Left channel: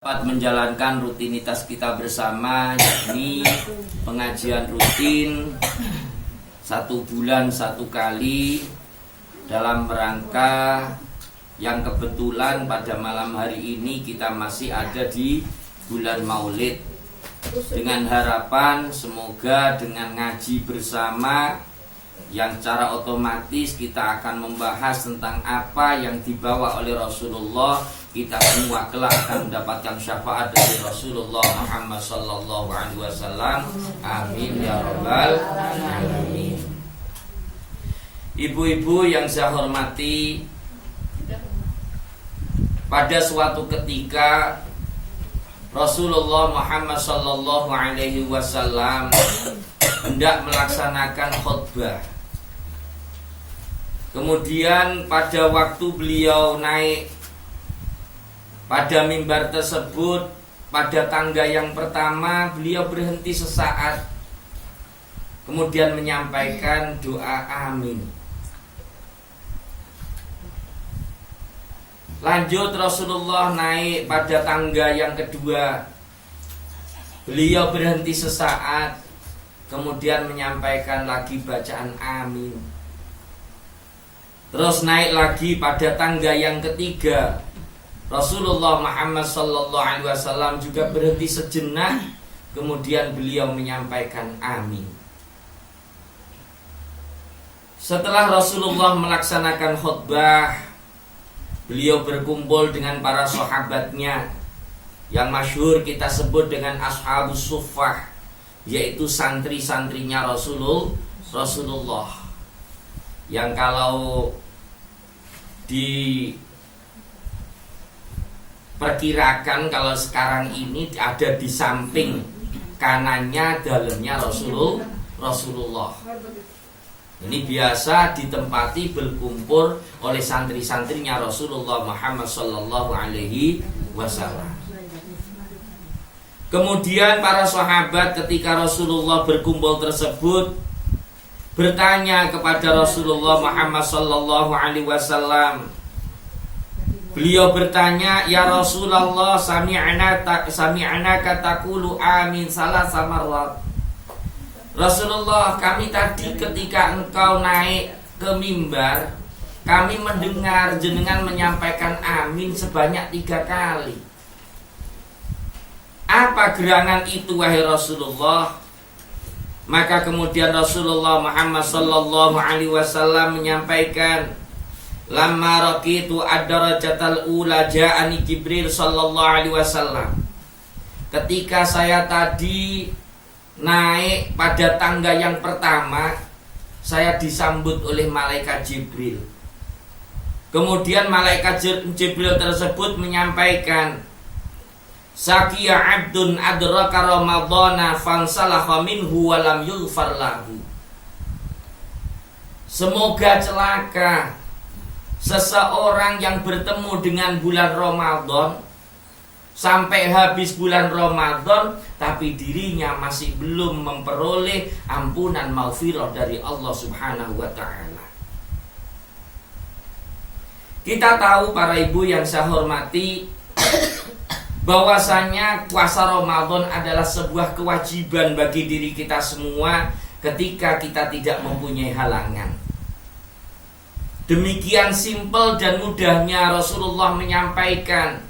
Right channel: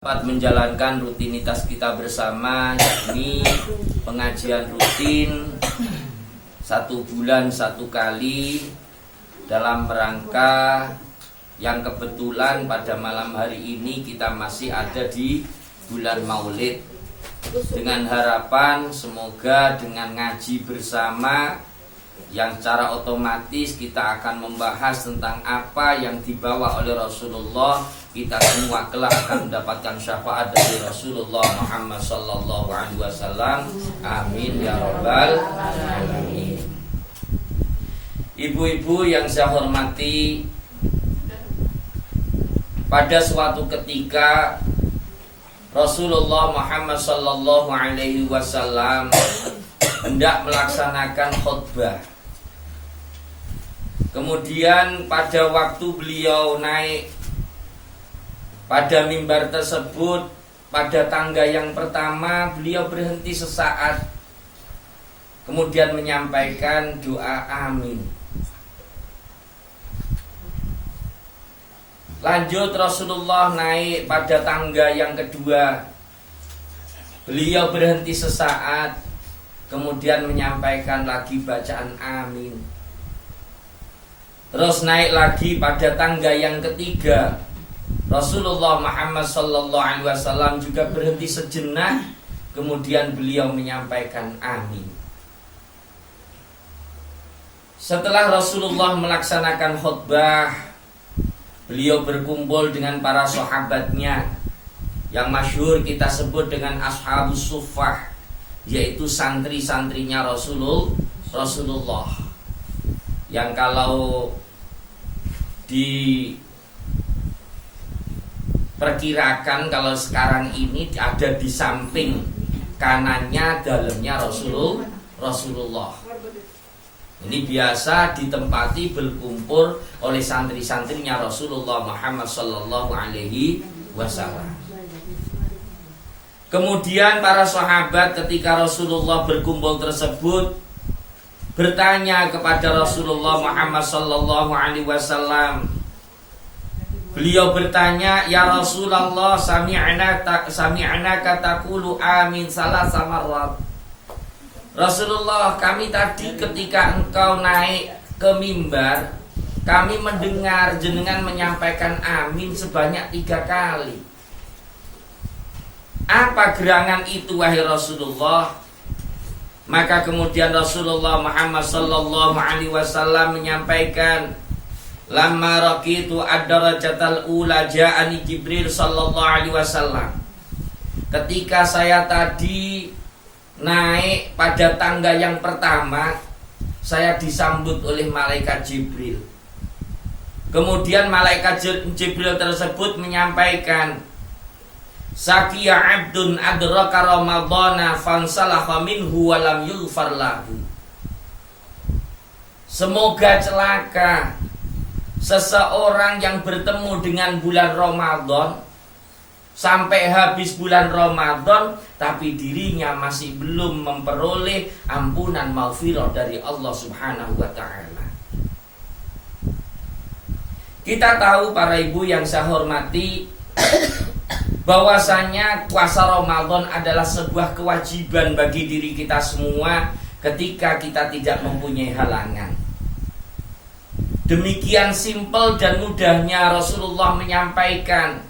Dapat menjalankan rutinitas kita bersama, yakni pengajian rutin 1 bulan 1 kali dalam rangka yang kebetulan pada malam hari ini kita masih ada di bulan Maulid, dengan harapan semoga dengan ngaji bersama yang secara otomatis kita akan membahas tentang apa yang dibawa oleh Rasulullah, kita semua kelak akan mendapatkan syafaat dari Rasulullah Muhammad sallallahu alaihi wasallam. Amin ya rabbal alamin. Ibu-ibu yang saya hormati, pada suatu ketika Rasulullah Muhammad sallallahu alaihi wasallam hendak melaksanakan khutbah. Kemudian pada waktu beliau naik pada mimbar tersebut, pada tangga yang pertama beliau berhenti sesaat, kemudian menyampaikan doa amin. Lanjut Rasulullah naik pada tangga yang kedua, beliau berhenti sesaat, kemudian menyampaikan lagi bacaan amin. Terus naik lagi pada tangga yang ketiga, Rasulullah Muhammad sallallahu alaihi wasallam juga berhenti sejenak, kemudian beliau menyampaikan amin. Setelah Rasulullah melaksanakan khutbah, beliau berkumpul dengan para sahabatnya yang masyhur kita sebut dengan Ashabus Suffah, yaitu santri-santrinya Rasulullah, yang kalau diperkirakan kalau sekarang ini ada di samping kanannya dalamnya Rasulullah. Ini biasa ditempati berkumpul oleh santri-santrinya Rasulullah Muhammad sallallahu alaihi wasallam. Kemudian para sahabat ketika Rasulullah berkumpul tersebut bertanya kepada Rasulullah Muhammad sallallahu alaihi wasallam. Beliau bertanya, "Ya Rasulullah, sami'na taqulu amin salasa marrat." Rasulullah, kami tadi ketika engkau naik ke mimbar, kami mendengar jenengan menyampaikan amin sebanyak 3 kali. Apa gerangan itu wahai Rasulullah? Maka kemudian Rasulullah Muhammad sallallahu alaihi wasallam menyampaikan, "Lamma raqitu ad-darajatal ula ja'ani Jibril sallallahu alaihi wasallam." Ketika saya tadi naik pada tangga yang pertama, saya disambut oleh malaikat Jibril. Kemudian malaikat Jibril tersebut menyampaikan, "Saqiya 'abdun adraka ramadhana fansalakha minhu wa lam yughfar lahu." Semoga celaka seseorang yang bertemu dengan bulan Ramadan sampai habis bulan Ramadan, tapi dirinya masih belum memperoleh ampunan maghfirah dari Allah Subhanahu wa taala. Kita tahu para ibu yang saya hormati, bahwasanya puasa Ramadan adalah sebuah kewajiban bagi diri kita semua ketika kita tidak mempunyai halangan. Demikian simpel dan mudahnya Rasulullah menyampaikan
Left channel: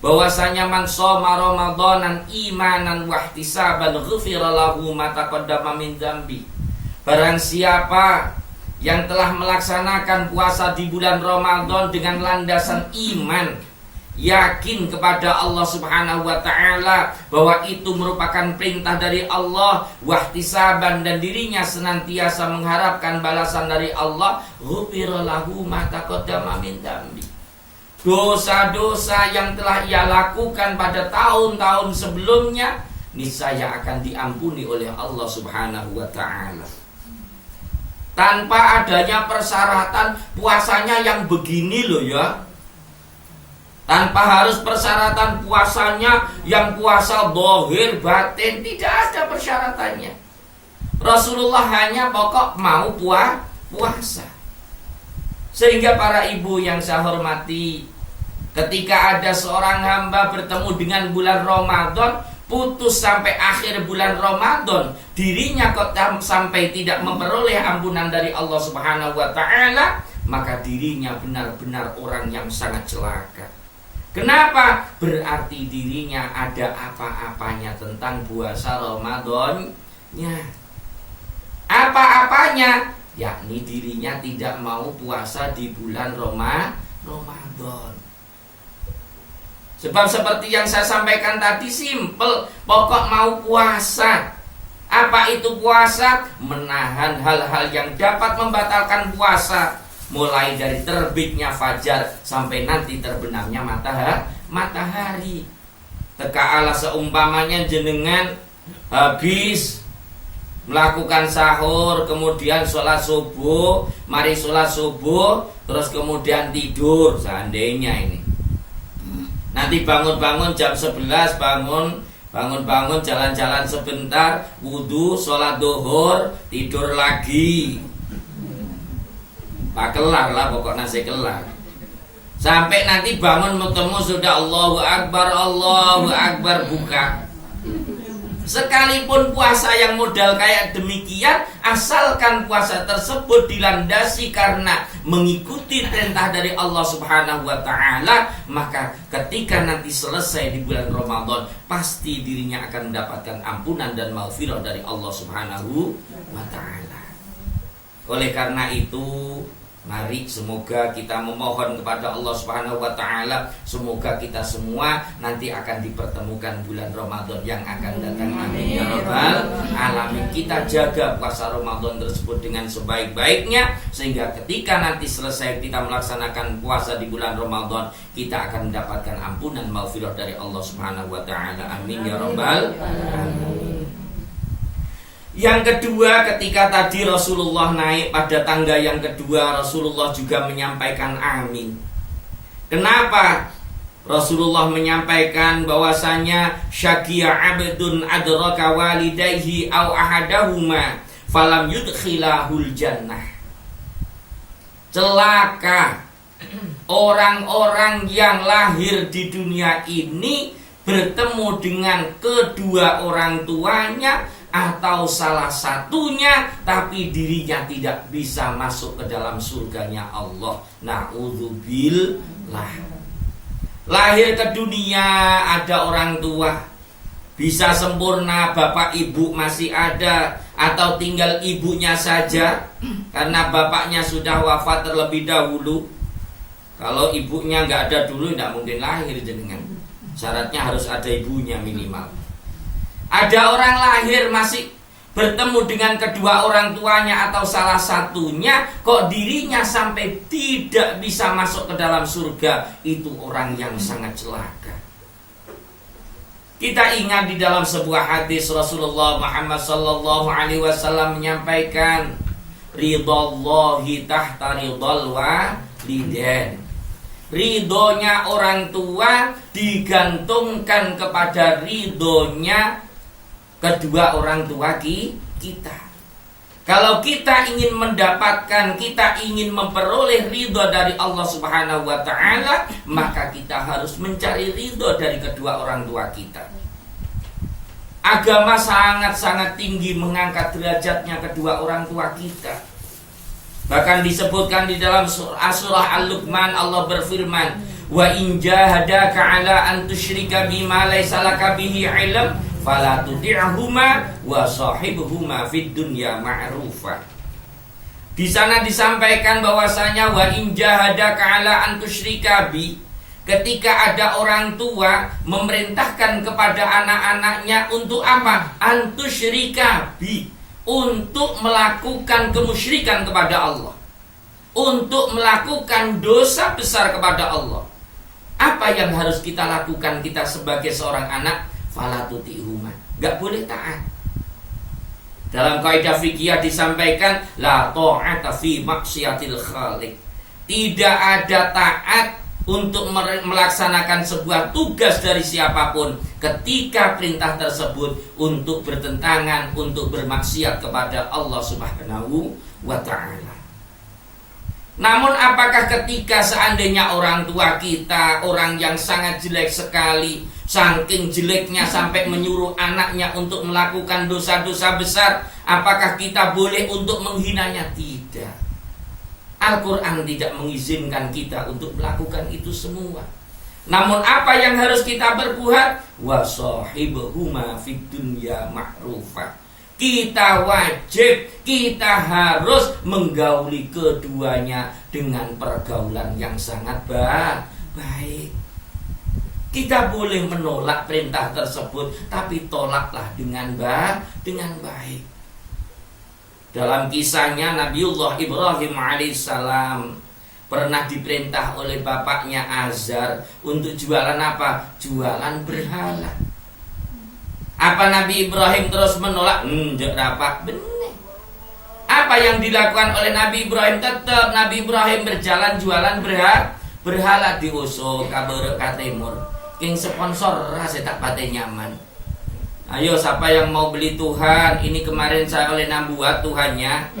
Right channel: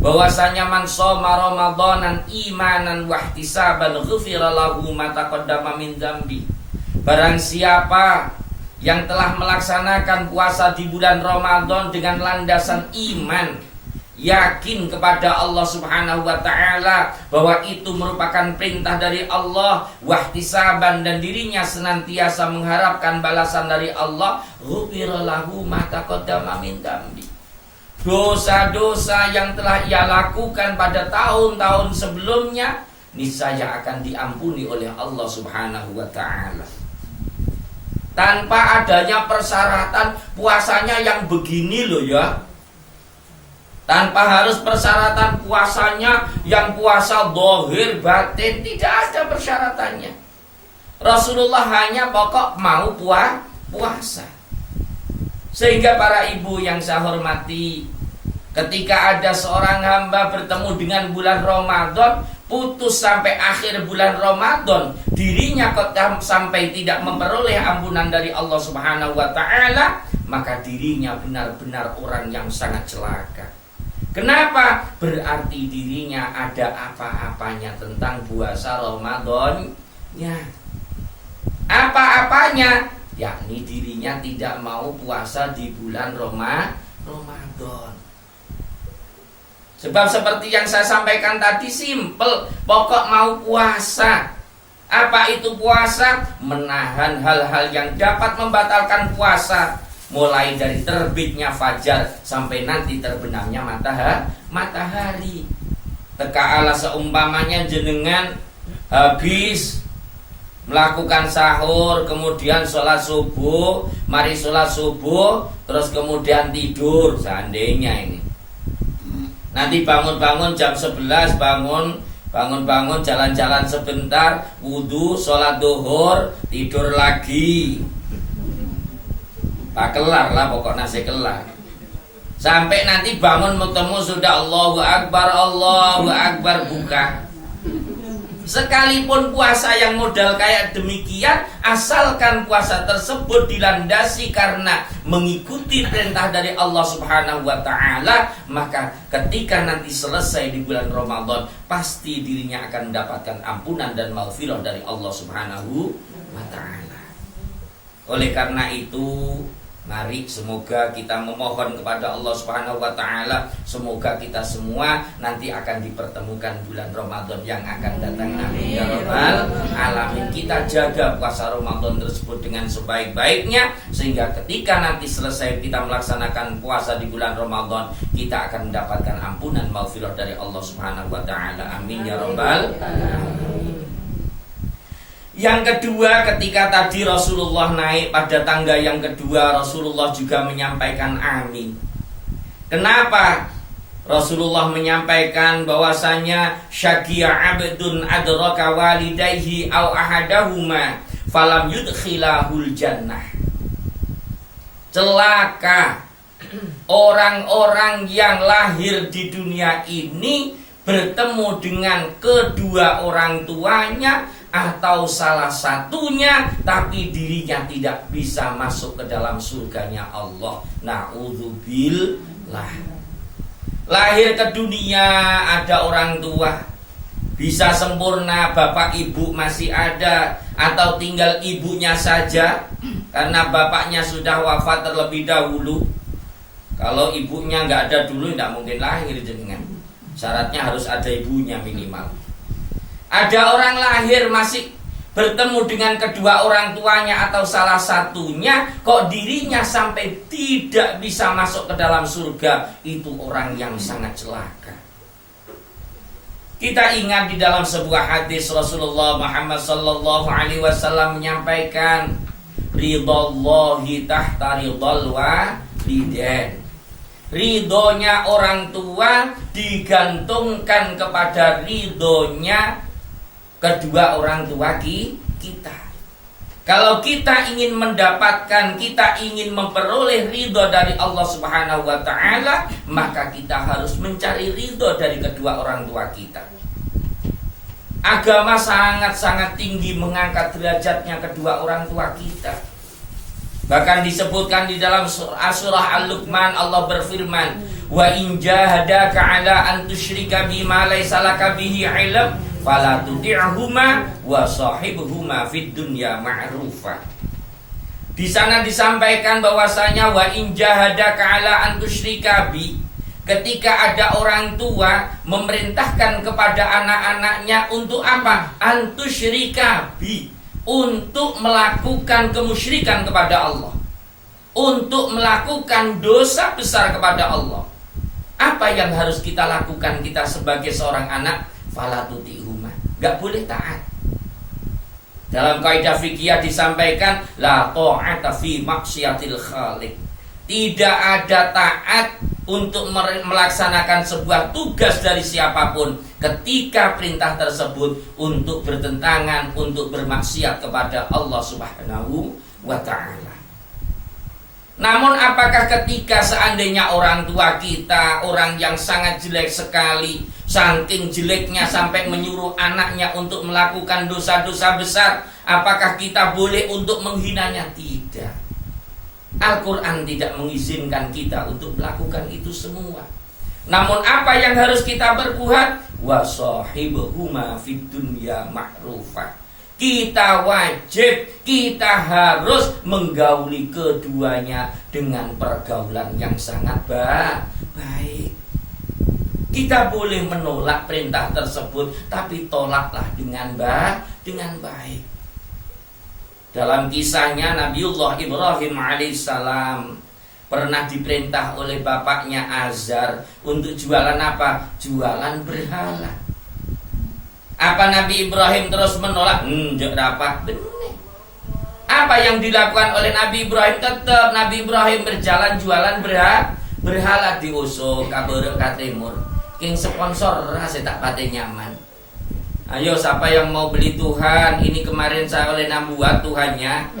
bahwasanya man shoma ramadanan imanan wahtisaban ghufira lahu ma taqaddama min dzambi. Barang siapa yang telah melaksanakan puasa di bulan Ramadan dengan landasan iman, yakin kepada Allah Subhanahu wa taala bahwa itu merupakan perintah dari Allah, wahtisaban, dan dirinya senantiasa mengharapkan balasan dari Allah, ghufira lahu ma taqaddama min dzambi. Dosa-dosa yang telah ia lakukan pada tahun-tahun sebelumnya niscaya akan diampuni oleh Allah Subhanahu wa taala. Tanpa adanya persyaratan puasanya yang begini loh ya. Tanpa harus persyaratan puasanya yang puasa zahir batin, tidak ada persyaratannya. Rasulullah hanya pokok mau puasa. Sehingga para ibu yang saya hormati, Ketika ada seorang hamba bertemu dengan bulan Ramadan, putus sampai akhir bulan Ramadan, dirinya kok sampai tidak memperoleh ampunan dari Allah Subhanahu wa taala, maka dirinya benar-benar orang yang sangat celaka. Kenapa? Berarti dirinya ada apa-apanya tentang puasa Ramadannya. Apa-apanya? Yakni dirinya tidak mau puasa di bulan Ramadan. Sebab seperti yang saya sampaikan tadi, simple, pokok mau puasa. Apa itu puasa? Menahan hal-hal yang dapat membatalkan puasa, mulai dari terbitnya fajar sampai nanti terbenamnya matahari. Tekaala seumpamanya jenengan habis melakukan sahur, kemudian sholat subuh, mari sholat subuh, terus kemudian tidur, seandainya ini. Nanti bangun-bangun jam 11, bangun jalan-jalan sebentar, wudhu, sholat duhur, tidur lagi. Tak kelar lah pokoknya nasi kelar. Sampai nanti bangun bertemu sudah Allahu Akbar buka. Sekalipun puasa yang modal kayak demikian, asalkan puasa tersebut dilandasi karena mengikuti perintah dari Allah Subhanahu wa taala, maka ketika nanti selesai di bulan Ramadan, pasti dirinya akan mendapatkan ampunan dan maghfirah dari Allah Subhanahu wa taala. Oleh karena itu, mari semoga kita memohon kepada Allah Subhanahu wa taala, semoga kita semua nanti akan dipertemukan bulan Ramadan yang akan datang. Amin ya rabbal alamin. Kita jaga puasa Ramadan tersebut dengan sebaik-baiknya, sehingga ketika nanti selesai kita melaksanakan puasa di bulan Ramadan, kita akan mendapatkan ampunan maghfirah dari Allah Subhanahu wa taala. Amin ya rabbal alamin. Yang kedua, ketika tadi Rasulullah naik pada tangga yang kedua, Rasulullah juga menyampaikan amin. Kenapa? Rasulullah menyampaikan bahwasanya syaqiya abdun adraka walidayhi aw ahadahuma falam yudkhilahul jannah. Celaka orang-orang yang lahir di dunia ini bertemu dengan kedua orang tuanya atau salah satunya, tapi dirinya tidak bisa masuk ke dalam surganya Allah. Na'udzubillah. Lahir ke dunia ada orang tua, bisa sempurna, bapak ibu masih ada, atau tinggal ibunya saja karena bapaknya sudah wafat terlebih dahulu. Kalau ibunya nggak ada dulu, tidak mungkin lahir jenengan. Syaratnya harus ada ibunya minimal. Ada orang lahir masih bertemu dengan kedua orang tuanya atau salah satunya, kok dirinya sampai tidak bisa masuk ke dalam surga. Itu orang yang sangat celaka. Kita ingat di dalam sebuah hadis Rasulullah Muhammad sallallahu alaihi wasallam menyampaikan, ridhallahi tahta ridhal walidain. Ridhonya orang tua digantungkan kepada ridhonya kedua orang tua kita. Kalau kita ingin mendapatkan, kita ingin memperoleh ridho dari Allah Subhanahu wa taala, maka kita harus mencari ridho dari kedua orang tua kita. Agama sangat-sangat tinggi mengangkat derajatnya kedua orang tua kita. Bahkan disebutkan di dalam surah Al-Luqman, Allah berfirman, wa in jahadaka ala an tusyrika bima laysa laka bihi ilm fala tuti'huma wa sahibhuma fid dunya ma'rufa. Di sana disampaikan bahwasanya wa in jahadaka ala an tusyrika bi, ketika ada orang tua memerintahkan kepada anak-anaknya untuk apa? An tusyrika bi, untuk melakukan kemusyrikan kepada Allah, untuk melakukan dosa besar kepada Allah. Apa yang harus kita lakukan kita sebagai seorang anak? Fala tuti'huma, gak boleh taat. Dalam kaidah fikih disampaikan la ta'ata fi maksiatil khaliq. Tidak ada taat untuk melaksanakan sebuah tugas dari siapapun ketika perintah tersebut untuk bertentangan, untuk bermaksiat kepada Allah Subhanahu wa ta'ala. Namun apakah ketika seandainya orang tua kita orang yang sangat jelek sekali, saking jeleknya sampai menyuruh anaknya untuk melakukan dosa-dosa besar, apakah kita boleh untuk menghinanya? Tidak. Al-Quran tidak mengizinkan kita untuk melakukan itu semua. Namun apa yang harus kita berbuat? Wasahibuhuma fid dunya ma'rufah. Kita wajib, kita harus menggauli keduanya dengan pergaulan yang sangat baik. Kita boleh menolak perintah tersebut, tapi tolaklah dengan baik. Dalam kisahnya Nabiullah Ibrahim alaihissalam pernah diperintah oleh bapaknya Azar untuk jualan apa? Jualan berhala. Apa Nabi Ibrahim terus menolak? Enggak rapat. Benar. Apa yang dilakukan oleh Nabi Ibrahim? Tetap Nabi Ibrahim berjalan jualan berhala di Osok, Kabar Timur. King sponsor rasa tak pate nyaman. Ayo siapa yang mau beli Tuhan? Ini kemarin saya oleh buat Tuhannya.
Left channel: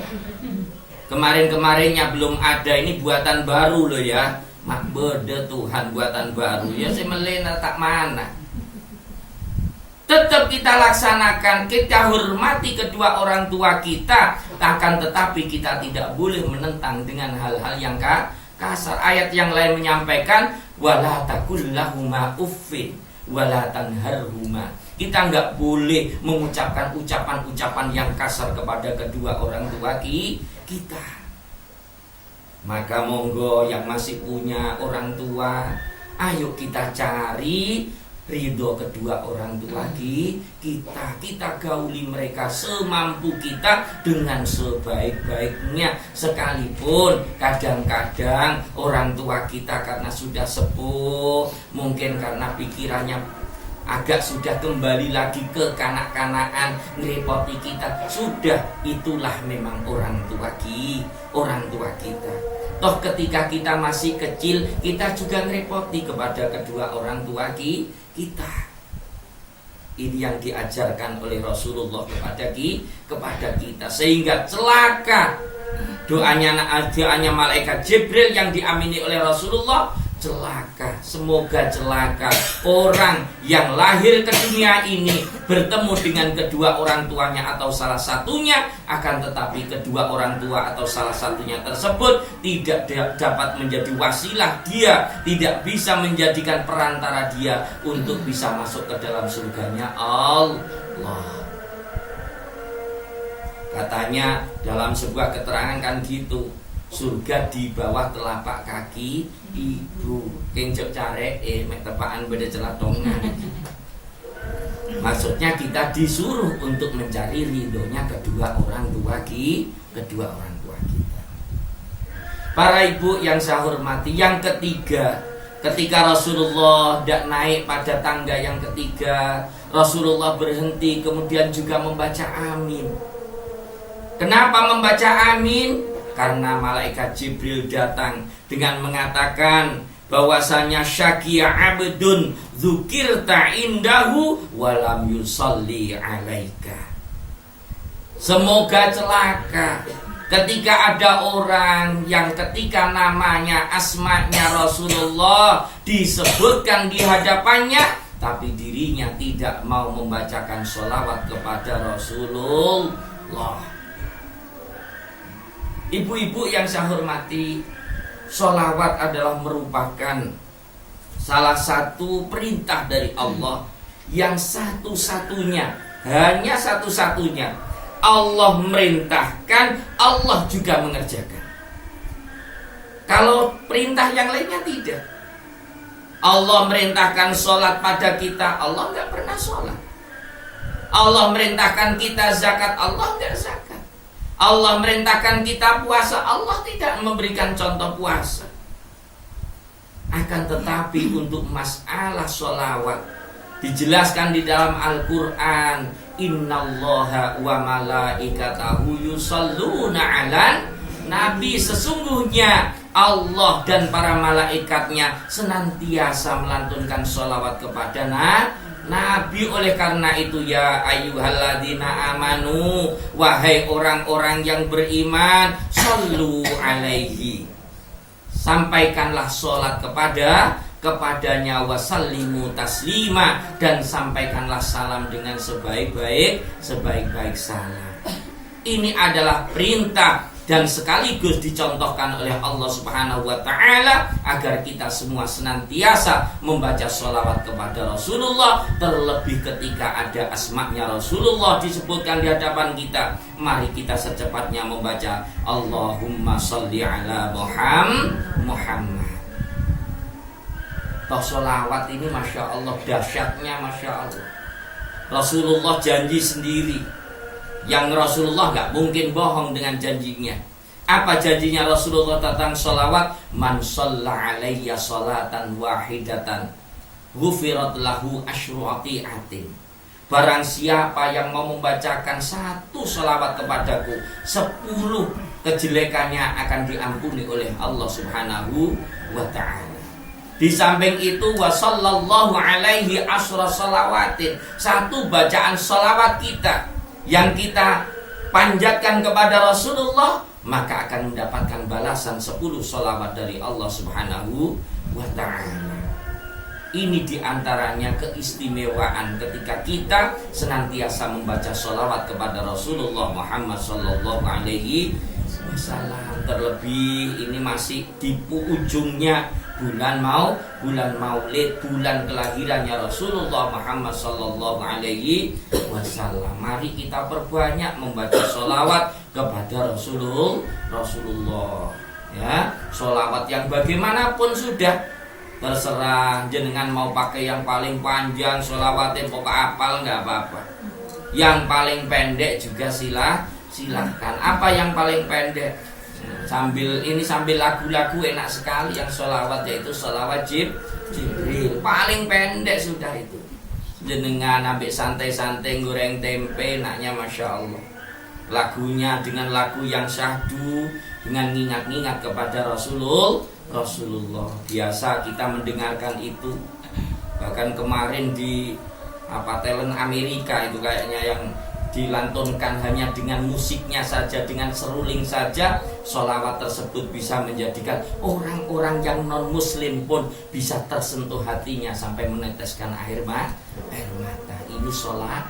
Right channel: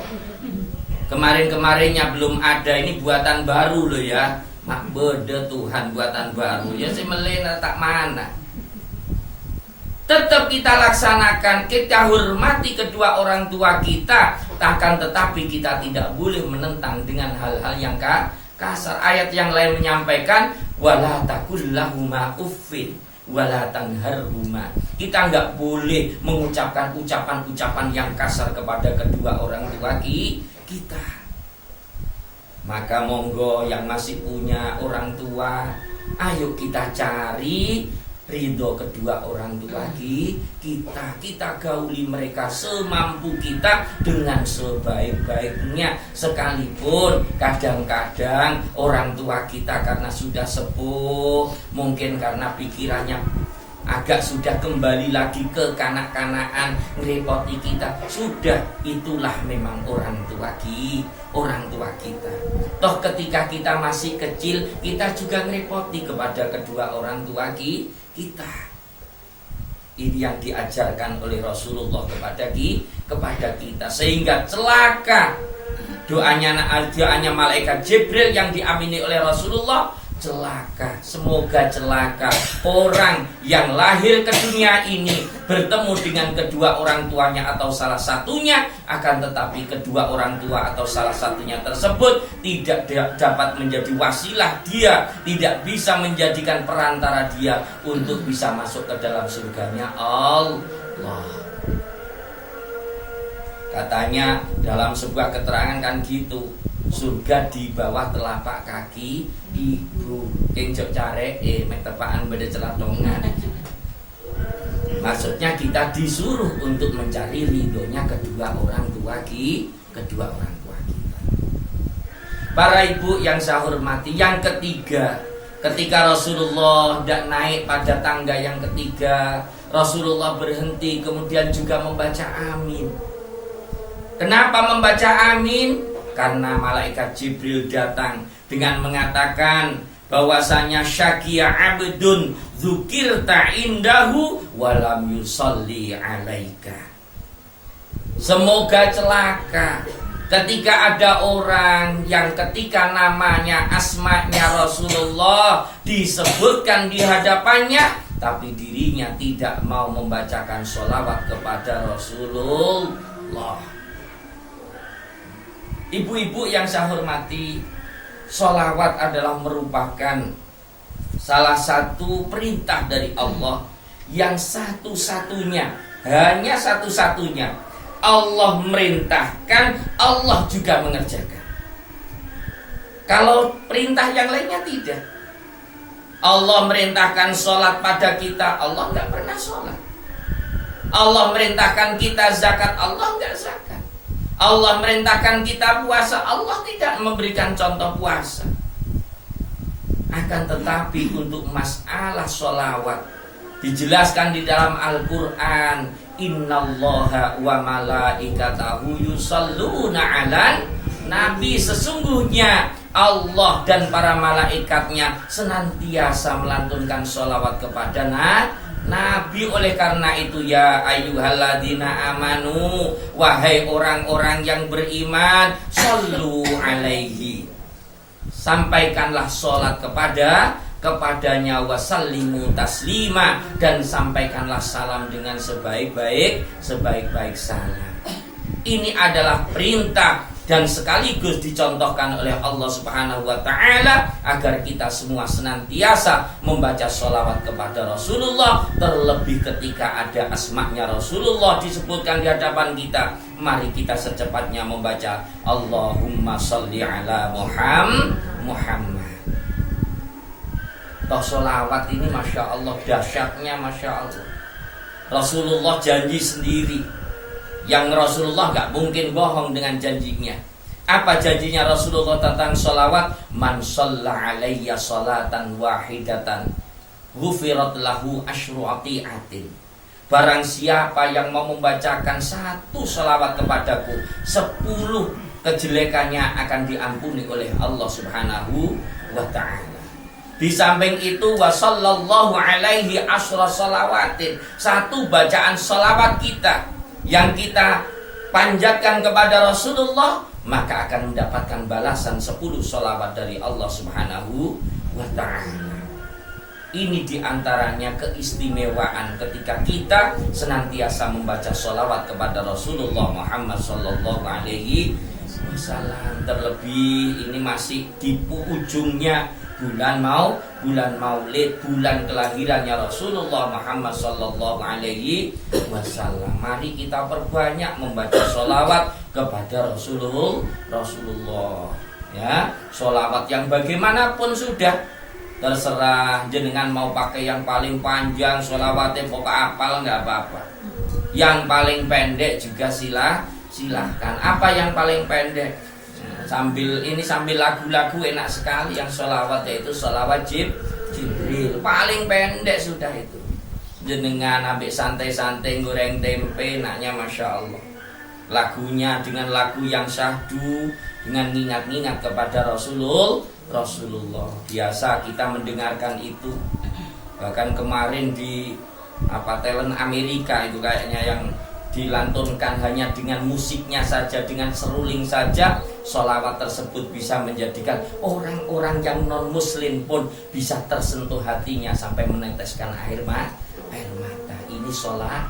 Kemarin-kemarinnya belum ada, ini buatan baru loh ya. Mak beda Tuhan buatan baru. Ya saya melena tak mana. Tetap kita laksanakan, kita hormati kedua orang tua kita, akan tetapi kita tidak boleh menentang dengan hal-hal yang kasar. Ayat yang lain menyampaikan wala taqul lahuma uffin wala tanharhuma. Kita enggak boleh mengucapkan ucapan-ucapan yang kasar kepada kedua orang tua kita. Maka monggo yang masih punya orang tua, ayo kita cari ridho kedua orang tua kita gauli mereka semampu kita dengan sebaik-baiknya. Sekalipun kadang-kadang orang tua kita karena sudah sepuh, mungkin karena pikirannya agak sudah kembali lagi ke kanak-kanakan, ngerepoti kita. Sudah, itulah memang orang tua kita. Toh ketika kita masih kecil, kita juga ngerepoti kepada kedua orang tua kita. Ini yang diajarkan oleh Rasulullah kepada kita, sehingga celaka doanya malaikat Jibril yang diamini oleh Rasulullah. Celaka, semoga celaka orang yang lahir ke dunia ini bertemu dengan kedua orang tuanya atau salah satunya, akan tetapi kedua orang tua atau salah satunya tersebut tidak dapat menjadi wasilah dia, tidak bisa menjadikan perantara dia untuk bisa masuk ke dalam surganya Allah. Katanya dalam sebuah keterangan kan gitu, surga di bawah telapak kaki ibu. Kencok care mek tepaan beda celatongan. Maksudnya kita disuruh untuk mencari ridhonya kedua orang tua kita. Para ibu yang saya hormati, yang ketiga, ketika Rasulullah tidak naik pada tangga yang ketiga, Rasulullah berhenti kemudian juga membaca amin. Kenapa membaca amin? Karena malaikat Jibril datang dengan mengatakan bahwasanya syaqiya abdun dzukirta indahu walam yusalli alaika. Semoga celaka ketika ada orang yang ketika namanya, asmanya Rasulullah disebutkan di hadapannya, tapi dirinya tidak mau membacakan sholawat kepada Rasulullah. Ibu-ibu yang saya hormati, sholawat adalah merupakan salah satu perintah dari Allah yang satu-satunya, hanya satu-satunya Allah merintahkan, Allah juga mengerjakan. Kalau perintah yang lainnya tidak. Allah merintahkan sholat pada kita, Allah nggak pernah sholat. Allah merintahkan kita zakat, Allah nggak zakat. Allah merintahkan kita puasa, Allah tidak memberikan contoh puasa. Akan tetapi untuk masalah sholawat dijelaskan di dalam Al-Quran, innallaha wa malaikatahu yusalluna 'alan nabi. Sesungguhnya Allah dan para malaikatnya senantiasa melantunkan sholawat kepada Nabi. Oleh karena itu ya ayyuhalladzina amanu, wahai orang-orang yang beriman, shollu alaihi, sampaikanlah sholat kepadanya, wasallimu taslima, dan sampaikanlah salam dengan sebaik-baik salam. Ini adalah perintah dan sekaligus dicontohkan oleh Allah Subhanahu wa ta'ala agar kita semua senantiasa membaca sholawat kepada Rasulullah. Terlebih ketika ada asma'nya Rasulullah disebutkan di hadapan kita, mari kita secepatnya membaca Allahumma sholli ala Muhammad. Sholawat ini Masya Allah, dahsyatnya Masya Allah. Rasulullah janji sendiri, yang Rasulullah gak mungkin bohong dengan janjinya. Apa janjinya Rasulullah tentang sholawat? Man sholla alayya sholatan wahidatan ghufirat lahu asyru ati'atin. Barang siapa yang mau membacakan satu sholawat kepadaku, 10 kejelekannya akan diampuni oleh Allah Subhanahu wa ta'ala. Di samping itu wa sallallahu alaihi asyra shalawatin, satu bacaan sholawat kita yang kita panjatkan kepada Rasulullah, maka akan mendapatkan balasan 10 sholawat dari Allah Subhanahu wa ta'ala. Ini diantaranya keistimewaan ketika kita senantiasa membaca sholawat kepada Rasulullah Muhammad sallallahu alaihi wasallam. Terlebih ini masih di ujungnya bulan Maulid, bulan kelahirannya Rasulullah Muhammad sallallahu alaihi wasallam. Mari kita perbanyak membaca sholawat kepada Rasulullah. Ya, sholawat yang bagaimanapun sudah terserah jenengan, mau pakai yang paling panjang sholawatnya pokok apal nggak apa-apa. Yang paling pendek juga silahkan. Apa yang paling pendek? Sambil lagu-lagu enak sekali yang sholawat, yaitu sholawat Jibril, paling pendek sudah itu. Jenengan ambil santai-santai goreng tempe, enaknya Masya Allah. Lagunya dengan lagu yang syahdu, dengan ngingat-ngingat kepada Rasulullah. Biasa kita mendengarkan itu. Bahkan kemarin di talent Amerika itu kayaknya yang dilantunkan hanya dengan musiknya saja, dengan seruling saja, sholawat tersebut bisa menjadikan orang-orang yang non muslim pun bisa tersentuh hatinya sampai meneteskan air mata. Ini sholawat.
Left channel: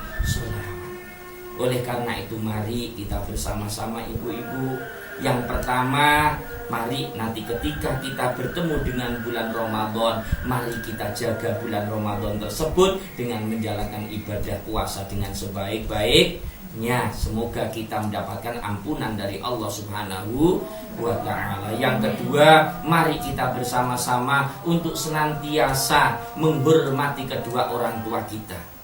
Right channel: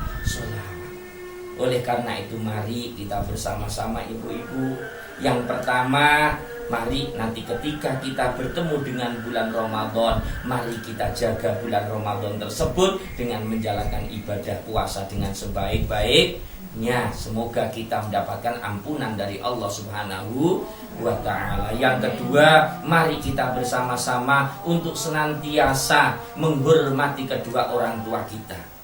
Oleh karena itu mari kita bersama-sama ibu-ibu, yang pertama, mari nanti ketika kita bertemu dengan bulan Ramadan, mari kita jaga bulan Ramadan tersebut dengan menjalankan ibadah puasa dengan sebaik-baiknya. Semoga kita mendapatkan ampunan dari Allah Subhanahu wa ta'ala. Yang kedua, mari kita bersama-sama untuk senantiasa menghormati kedua orang tua kita.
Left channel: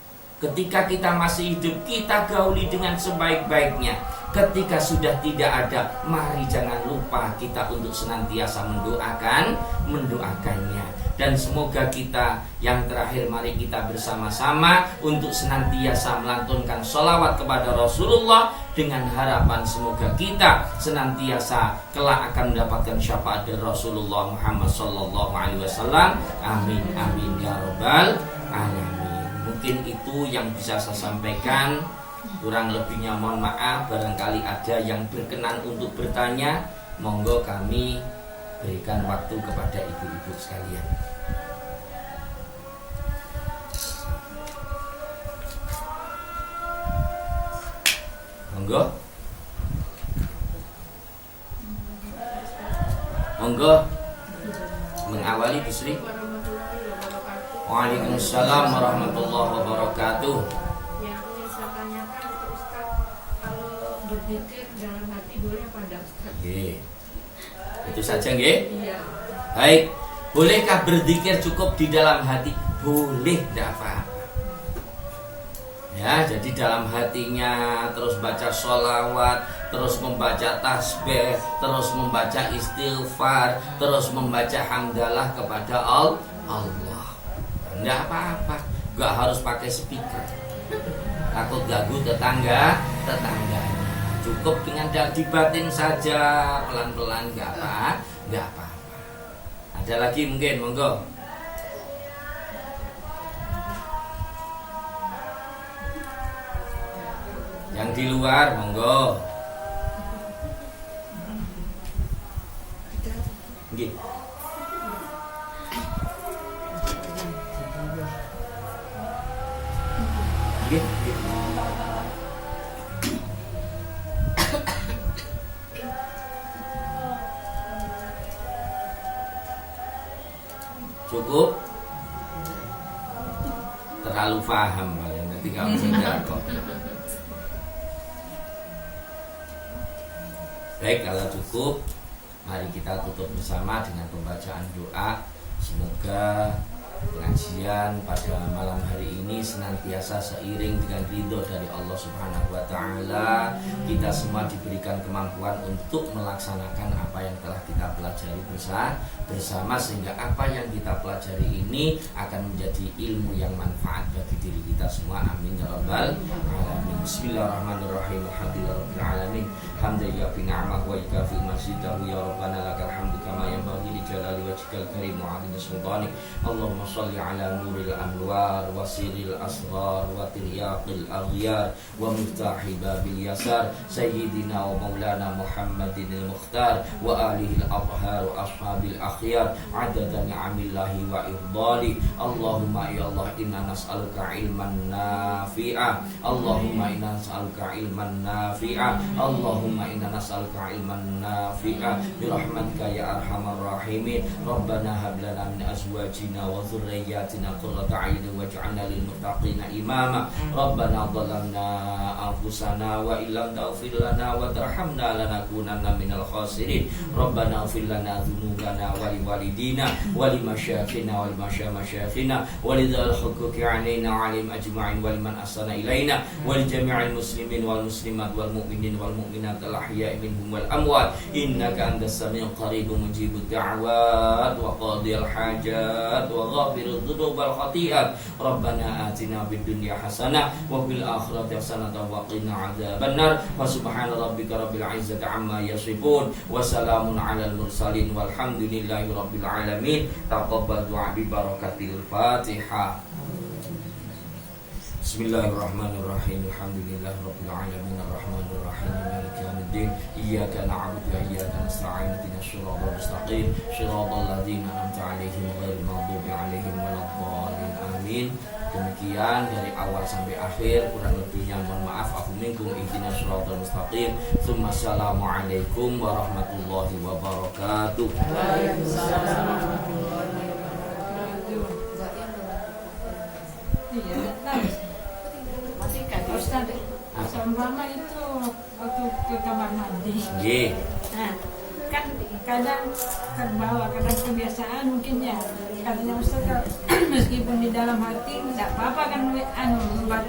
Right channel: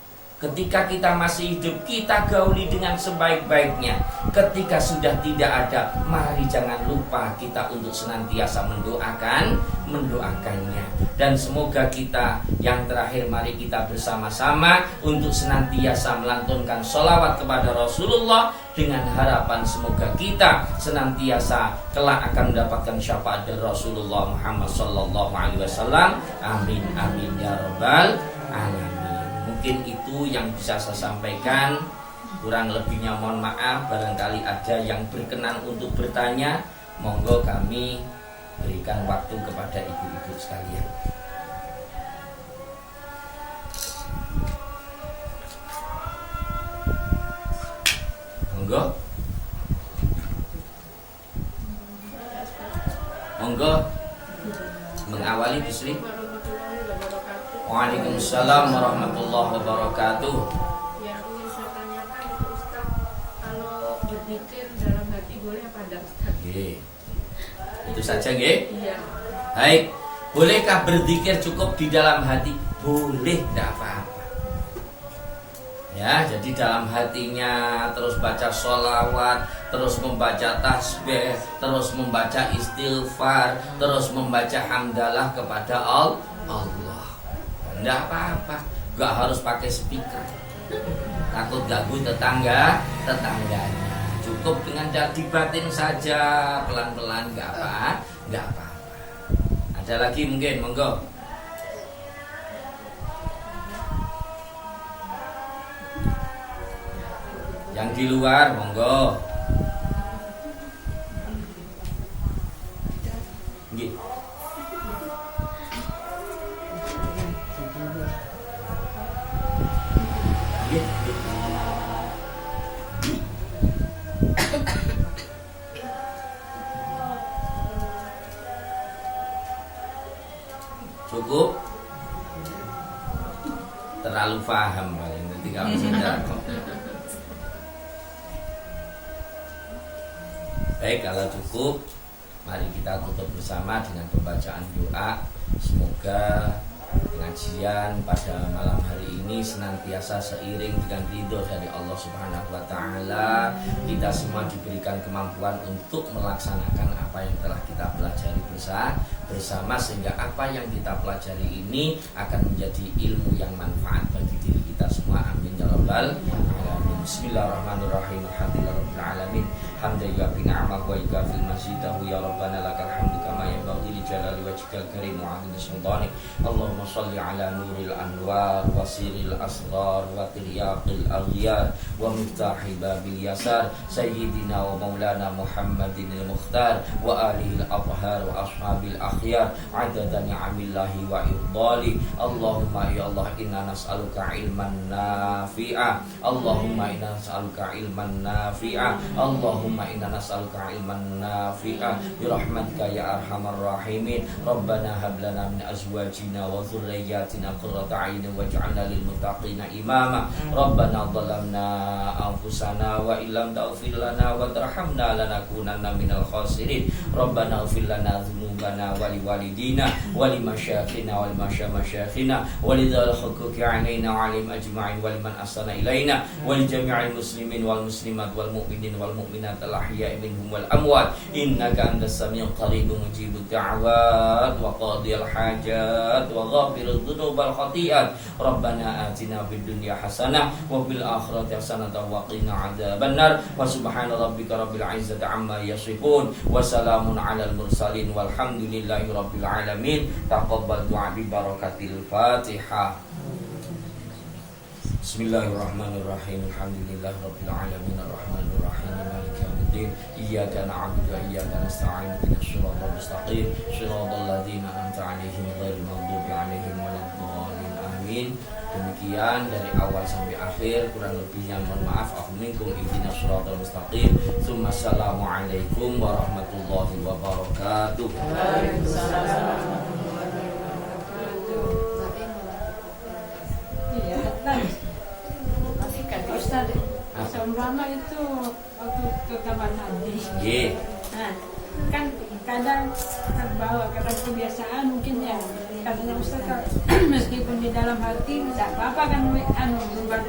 Ketika kita masih hidup, kita gauli dengan sebaik-baiknya. Ketika sudah tidak ada, mari jangan lupa kita untuk senantiasa mendoakannya. Dan semoga kita, yang terakhir, mari kita bersama-sama untuk senantiasa melantunkan sholawat kepada Rasulullah, dengan harapan semoga kita senantiasa kelak akan mendapatkan syafaat dari Rasulullah Muhammad sallallahu alaihi wasallam. Amin amin ya rabbal alamin. Mungkin itu yang bisa saya sampaikan. Kurang lebihnya mohon maaf. Barangkali ada yang berkenan untuk bertanya, monggo kami berikan waktu kepada ibu-ibu sekalian. Monggo mengawali Bu Sri. Waalaikumsalam warahmatullahi wabarakatuh. Yang ingin saya tanyakan Ustaz, kalau berzikir dalam hati boleh apa enggak? Itu saja nggih? Iya. Baik, bolehkah berzikir cukup di dalam hati? Boleh, tidak apa-apa. Ya, jadi dalam hatinya terus baca sholawat, terus membaca tasbih, terus membaca istighfar, terus membaca hamdalah kepada Allah. Tidak apa-apa, gak harus pakai speaker. Takut ganggu tetangganya. Cukup dengan dibatin saja, pelan-pelan, gak apa-apa. Ada lagi mungkin, monggo. Yang di luar, monggo. Nggih. Nggih. Cukup? Terlalu paham nanti kamu sudah kok. Baik, kalau cukup, mari kita tutup bersama dengan pembacaan doa. Semoga pengajian pada malam hari ini senantiasa seiring dengan ridho dari Allah Subhanahu wa taala. Kita semua diberikan kemampuan untuk melaksanakan apa yang telah kita pelajari bersama, sehingga apa yang kita pelajari ini akan menjadi ilmu yang manfaat bagi diri kita semua. Amin ya rabbal alamin. Bismillahirrahmanirrahim. Alhamdulillahirabbil alamin. Hamdan yu'affi ni'amahu wa yukafi majidahu ya rabbana lakal hamdu kama yanbaghi li jalali wajhikal karim wa 'azimi sultanik. Allahumma shalli ala nuril anwar wa siril asghar wa tiryaqil aghyar wa miftahi babil yasar sayyidina wa maulana Muhammadin al-Mukhtar wa alihi al-athhar wa ashabil akhyar adada ni'amillahi wa ifdali. Allahumma ya Allah, inna nas'aluka ilman nafi'a. Allahumma inna nas'aluka ilman nafi'a. Allahumma inna nas'aluka ilman nafi'a bi rahmatika ya arhamar rahimin. Rabbana hab lana min azwajina wa dhurriyyatina qurrata a'yunin waj'alna lil muttaqina imama. Rabbana dhalamna anfusana wa illam taghfir lana wa tarhamna lanakunanna minal khasirin. Rabbana ighfir lana dhunubana wa liwalidina wa limasyayikhina wa limasyayikhina wa lidzal huquqi 'alaina 'alim ajma'in wa liman ahsana ilaina wa li jami'il muslimin wal muslimat wal mu'minin wal mu'minat al ahya'i minhum wal amwat innaka antas samiul qarib mujibud da'wat wa qadhil hajat wa ghafirudz dzunub wal khati'at. Rabbana atina fid dunya hasanah wa fil akhirati hasanah wa qina adzabannar. Wa subhana rabbika rabbil izzati amma yasifun wa salamun 'alal mursalin walhamdulillahi rabbil alamin. Taqabbal du'a bi barakatil Fatihah. Bismillahirrahmanirrahim. Alhamdulillahi rabbil alamin arrahmanir rahim maliki yaumiddin. Iyyaka na'budu wa iyyaka nasta'in ihdinas siratal mustaqim siratal ladzina an'amta 'alaihim ghairil maghdubi 'alaihim waladdallin. Amin. Demikian dari awal sampai akhir, kurang lebihnya mohon maaf. Afu minkum ihdinas siratal mustaqim. Assalamualaikum warahmatullahi wabarakatuh. Ustaz, seumpama itu waktu ke kamar mandi. Nggih. Nah, kan kadang terbawa, kadang kebiasaan mungkin ya. Katanya Ustaz, meskipun di dalam hati tidak apa-apa kan